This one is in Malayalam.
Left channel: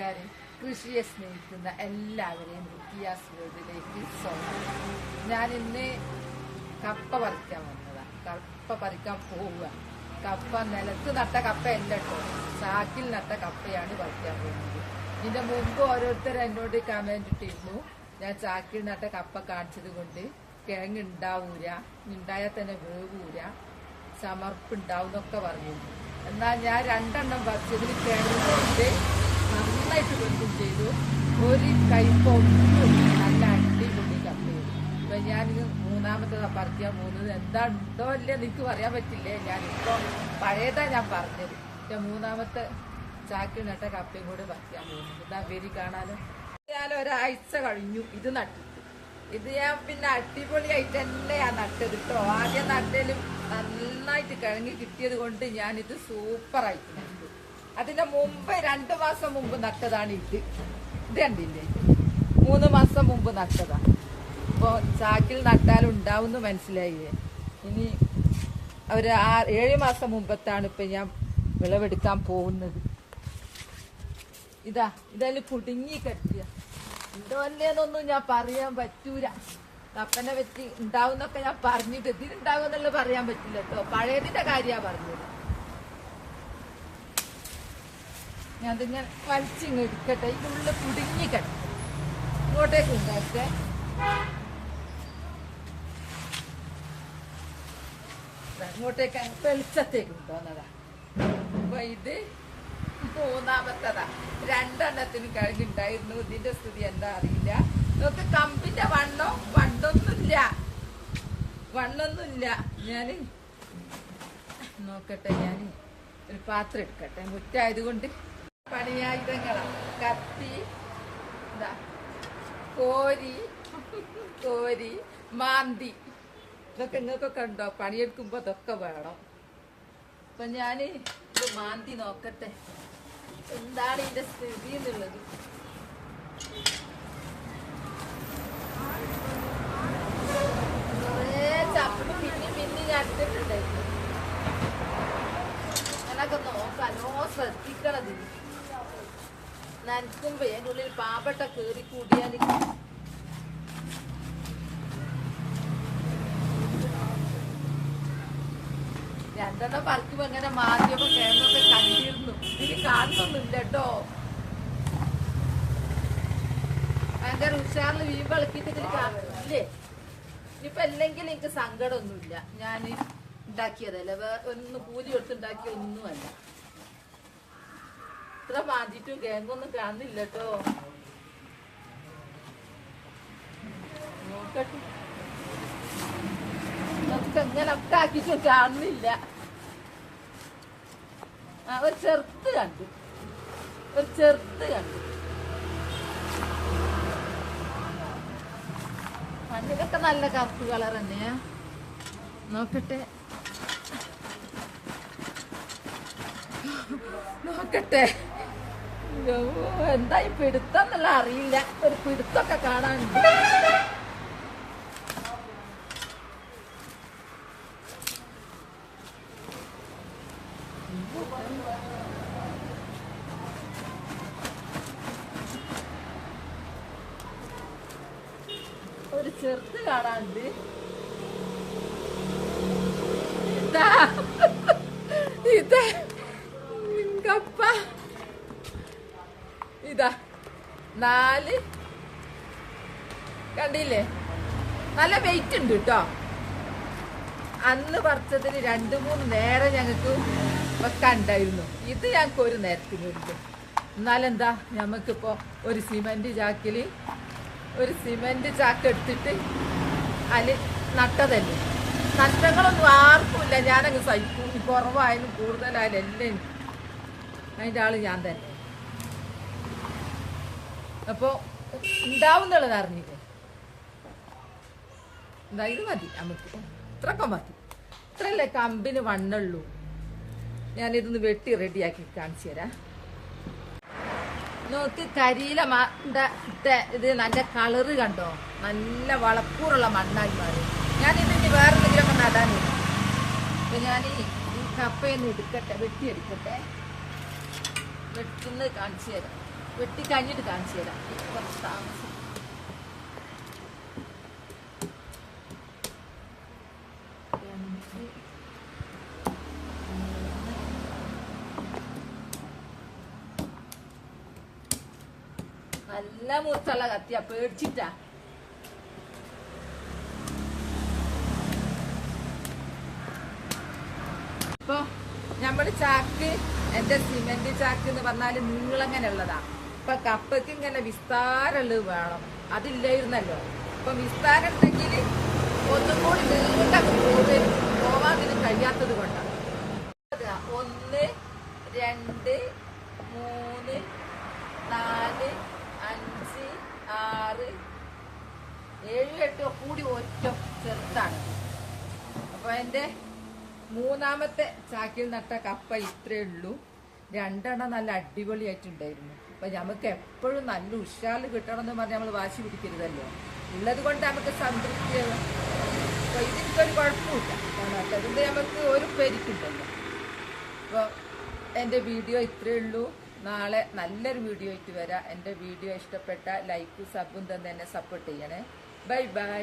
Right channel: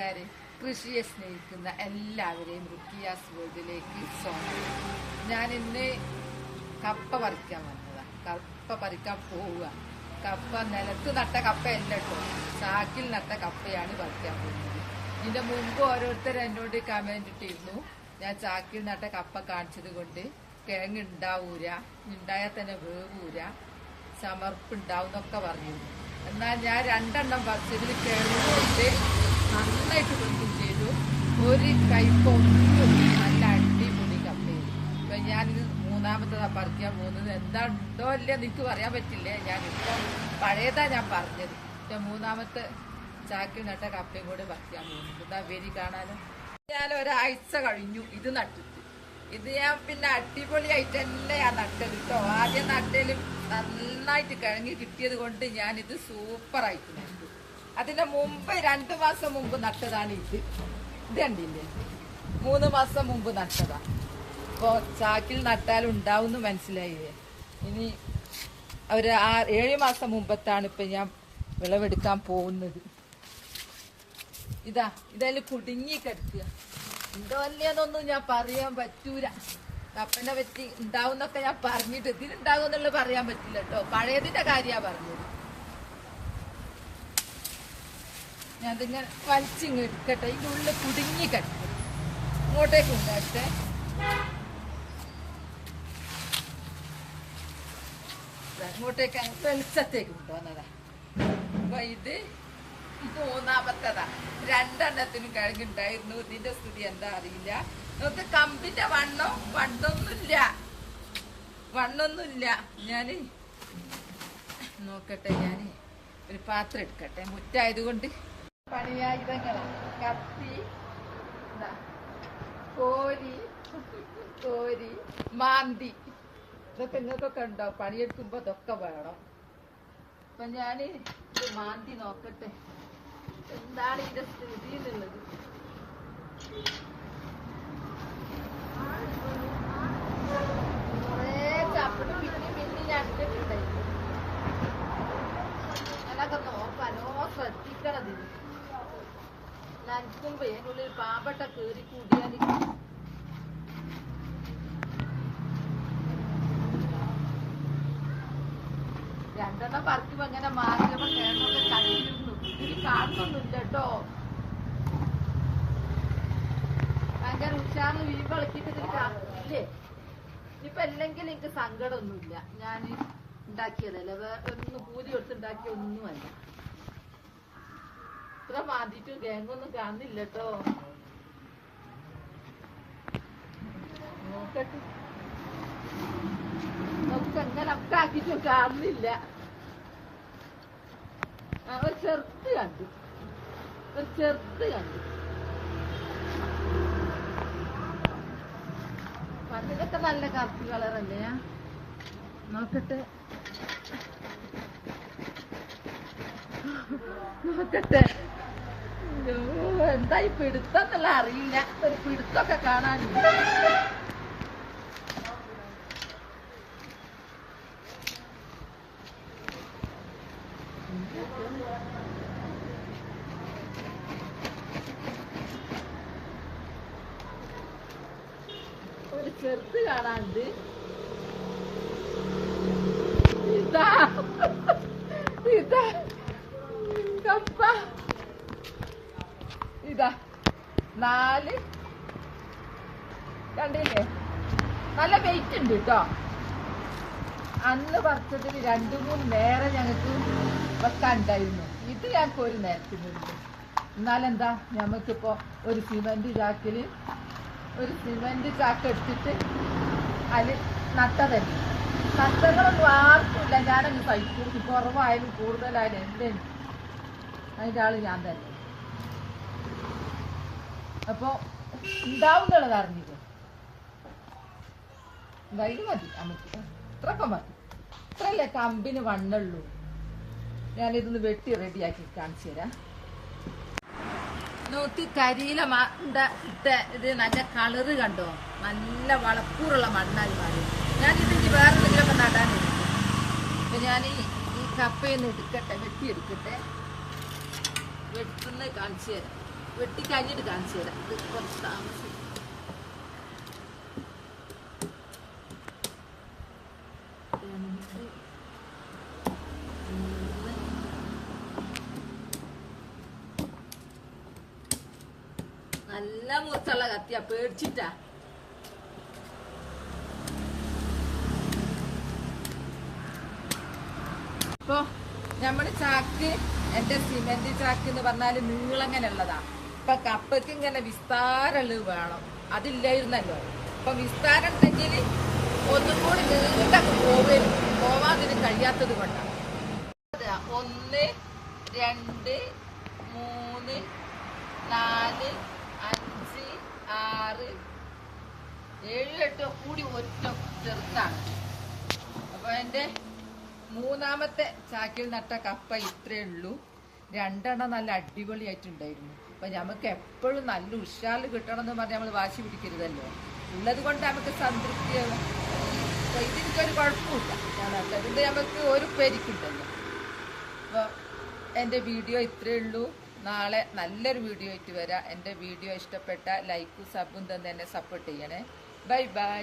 കൂട്ടുകാരെ, കൃഷിയെ സ്നേഹിക്കുന്ന എല്ലാവരെയും റുക്കിയാസ് വേൾഡിലേക്ക് സ്വാഗതം. ഞാൻ ഇന്ന് കപ്പ പറിക്കാൻ വന്നതാ. കപ്പ പറിക്കാൻ പോവുക. കപ്പ നിലത്ത് നട്ട കപ്പയല്ല കേട്ടോ, ചാക്കിൽ നട്ട കപ്പയാണ് പറിക്കാൻ പോകുന്നത്. ഇതിന്റെ മുമ്പ് ഓരോരുത്തർ എന്നോട് കമന്റ് ഇട്ടിരുന്നു, ഞാൻ ചാക്കിൽ നട്ട കപ്പ കാണിച്ചത് കൊണ്ട് കിഴങ്ങ് ഉണ്ടാവൂല, ഉണ്ടായാൽ തന്നെ വേവൂല, ചമർപ്പുണ്ടാവും എന്നൊക്കെ പറഞ്ഞിരുന്നു. എന്നാൽ ഞാൻ 2 എണ്ണം പറിച്ചതിൽ കിഴങ്ങ് കൊണ്ട് നന്നായിട്ട് കൊണ്ടും ചെയ്തു. ഒരു കൈപ്പൊന്നും നല്ല അടിപൊളി കപ്പയും. ഇപ്പൊ ഞാനിത് 3ാമത്തതാ പറിക്കാൻ പോകുന്നത്. എന്താ ഉണ്ടോ അല്ലേ എനിക്ക് പറയാൻ പറ്റില്ലേ. ഞാനിപ്പോ പഴയതാ ഞാൻ പറഞ്ഞത്. 3ാമത്തെ ചാക്കിൽ നട്ട കപ്പയും കൂടെ പറിക്കാൻ പോകുന്നത്. എന്താ വേരി കാണാനോ. ഞാൻ ഒരാഴ്ച കഴിഞ്ഞു ഇത് നട്ടിട്ട്. ഇത് ഞാൻ പിന്നെ അടിപൊളിയായിട്ട് തന്നെ ഞാൻ നട്ടത് കേട്ടോ. ആദ്യം നട്ടലും നന്നായിട്ട് കിഴങ്ങി കിട്ടിയത് കൊണ്ട് ഞാനിത് സൂപ്പറായിട്ട് നട്ടു. അതിന്റെ മുമ്പ് 2 മാസം മുമ്പ് നട്ടതാണ് ഇത്. ഇത് കണ്ടില്ലേ, 3 മാസം മുമ്പ് നട്ടതാ. ഇപ്പൊ ചാക്കിൽ നട്ടാലും ഉണ്ടാവും മനസ്സിലായില്ലേ. ഇനി ഒരു 7 മാസം മുമ്പത്താണ് ഇപ്പൊ ഞാൻ വിളവെടുക്കാൻ പോകുന്നത്. ഇതതിൽ കുടുങ്ങി കിടക്കുക. ഉണ്ടോ അല്ലേന്നൊന്നും ഞാൻ പറയാൻ പറ്റൂല. കപ്പനെ പറ്റി ഉണ്ടാവുന്നൊക്കെ ഞാൻ പറഞ്ഞിട്ട് ഇതിനുണ്ടാവും എന്നുള്ളത് പറയാൻ പറ്റില്ല കേട്ടോ. പഴയതിന്റെ കാര്യമാണ് പറഞ്ഞത്. ഞാൻ ഇതിങ്ങനെ വലിച്ചിങ്ങ് എടുക്കട്ടെ. ഇതിനുള്ളിൽ കുടുങ്ങി കിടക്കും. ഇങ്ങോട്ടേക്ക് ഉണ്ടാട്ടെ. ഇങ്ങോട്ടേക്ക് വെളിച്ചത്തേക്ക് കൊണ്ടുവന്നതാ. അപ്പൊ ഇത് 3ാമത്തതാ. 2 എണ്ണത്തിന് കിഴങ്ങുണ്ടായിരുന്നു. ഇതിന്റെ സ്ഥിതി എന്താ അറിയില്ല. നമുക്ക് കമ്പിന്റെ വണ്ണൊന്നുമില്ല. ഞാന് നോക്കട്ടെ, ഞാൻ ഒരു പാത്രം എടുക്കട്ടെ. മുറ്റായതുകൊണ്ട് പണിയായുധങ്ങളാണ്. കപ്പി, കോരി, മാന്തി, ഇതൊക്കെ നിങ്ങൾക്കൊക്കെ ഉണ്ടോ? പണിയെടുക്കുമ്പോ ഇതൊക്കെ വേണം. അപ്പൊ ഞാന് ഇത് മാന്തി നോക്കട്ടെ എന്താണ് ഇതിന്റെ സ്ഥിതി എന്നുള്ളത്. കുറേ ചപ്പിട്ട് പിന്നെ ഞാൻ എടുത്തിട്ടുണ്ടായിരുന്നു. അതൊക്കെ നോക്കാനോ ശ്രദ്ധിക്കണത്. നനക്കുമ്പോ അതിനുള്ളിൽ പാമ്പട്ട കേറി കൂടിയാൽ രണ്ടെണ്ണം പറിക്കുമ്പോ അങ്ങനെ മാധ്യമ കേരളമൊക്കെ കണ്ടിരുന്നു. ഇതിന് കാണുന്നൊന്നുമില്ല കേട്ടോ. ഭയങ്കര ഉഷാറിൽ വീമ്പ് ഇളക്കിയിട്ട് ഇതിന് കാണുന്നില്ലേ. ഇനിയിപ്പൊ അല്ലെങ്കിൽ എനിക്ക് സങ്കടമൊന്നുമില്ല. ഞാൻ ഉണ്ടാക്കിയതല്ല, ഒന്ന് കൂലി കൊടുത്തുണ്ടാക്കിയ ഒന്നുമല്ല. ഇത്ര മാന്തിട്ടും കേങ്ങൊന്നും കാണുന്നില്ല കേട്ടോ. നോക്കട്ടെ, നമുക്ക് എങ്ങനെ ഒക്കെ ആക്കിയിട്ടും കാണുന്നില്ല. ഒരു ചെറുത്ത് കണ്ടു. അതിലൊക്കെ നല്ല കറുപ്പ് കളർ തന്നെയാ. നോക്കട്ടെ എന്തായി പിടുത്തം എന്നുള്ള അറിയില്ല. ഒരു പിടുത്തൊക്കെ കാണാനുണ്ട്. ഒരു ചെറുത്ത് കാണാനുണ്ട്. ഇതാ കപ്പ. ഇതാ 4 കണ്ടില്ലേ, നല്ല വെയിറ്റ് ഉണ്ട് കേട്ടോ. അന്ന് പറിച്ചതിന് 2-3 നേരം ഞങ്ങൾക്ക് വെക്കാനുണ്ടായിരുന്നു. ഇത് ഞങ്ങൾക്ക് ഒരു നേരത്തിനുണ്ട്. എന്നാലെന്താ, ഞമ്മക്കിപ്പോ ഒരു സിമന്റ് ചാക്ക് എടുത്തിട്ട് അതിൽ നട്ടതന്നെ. നഷ്ടങ്ങളൊന്നും ആർക്കുമില്ല. ഞാനങ്ങ് സഹിക്കും. കുറവായാലും കൂടുതലായാലും എല്ലാം അതിൻ്റെ ആള് ഞാൻ തന്നെ. അപ്പൊ ഉണ്ടാവുന്നുള്ളത് അറിഞ്ഞില്ലേ. ഇത് മതി നമുക്ക്, ഇത്രയൊക്കെ മതി. ഇത്രയല്ലേ കമ്പിന് വണ്ണുള്ളൂ. ഞാനിതൊന്ന് വെട്ടി റെഡിയാക്കി കാണിച്ചു തരാം. നോക്ക്, കരിയില ഇത് നല്ല കളറ് കണ്ടോ. നല്ല വളക്കൂറുള്ള മണ്ണാണ്. ഞാനിതിന്റെ വേറെ എന്തെങ്കിലും നടാൻ. അപ്പൊ ഞാൻ ഈ കപ്പയൊന്ന് എടുക്കട്ടെ, വെട്ടിയെടുക്കട്ടെ. വെട്ടുന്ന കാണിച്ചു തരാം. വെട്ടി കഴിഞ്ഞിട്ട് കാണിച്ചു തരാം. കുറച്ച് താമസം. നല്ല മുറിച്ചുള്ള കത്തിയാ, പേടിച്ചിട്ടാ. ഇപ്പൊ നമ്മള് ചാക്ക്, എന്റെ സിമെന്റ് ചാക്ക് എന്ന് പറഞ്ഞാല് നീളങ്ങനെ ഉള്ളതാ. ഇപ്പൊ കപ്പയ്ക്ക് ഇങ്ങനെ വിസ്താരമുള്ളത് വേണം, അതില്ലായിരുന്നല്ലോ. ഇപ്പൊ വിസ്താരം ഉണ്ടെങ്കിൽ ഒന്നും കൂടി നീണ്ടൊക്കെ പോവാൻ ഇതിന് കഴിയാത്തത് കൊണ്ടാണ്. 1 2 3 4 5 6 7 8 കൂടി ഒറ്റ ചെറുതാണ്. അപ്പൊ എന്റെ മൂന്നാമത്തെ ചാക്കിൽ നട്ട കപ്പ ഇത്രേ ഉള്ളൂ. 2 എണ്ണം നല്ല അടിപൊളിയായിട്ടുണ്ടായിരുന്നു. അപ്പൊ നമുക്ക് എപ്പോഴും നല്ല ഉഷാറിൽ കിട്ടണം എന്ന് പറഞ്ഞാൽ നമ്മൾ വാശി പിടിക്കരുതല്ലോ. ഉള്ളത് കൊണ്ട് നമുക്ക് സംതൃപ്തിയാവും. അപ്പൊ ഇതിനൊരു കുഴപ്പമില്ല, നട്ടതിന്റെ നമുക്ക് ഒരു പേരിക്കുണ്ടല്ലോ. അപ്പോൾ എൻ്റെ വീഡിയോ ഇത്രയേ ഉള്ളൂ. നാളെ നല്ലൊരു വീഡിയോ ആയിട്ട് വരാം. എൻ്റെ വീഡിയോ ഇഷ്ടപ്പെട്ട ലൈക്കും സബും തന്നെ എന്നെ സപ്പോർട്ട് ചെയ്യണേ. Bye bye.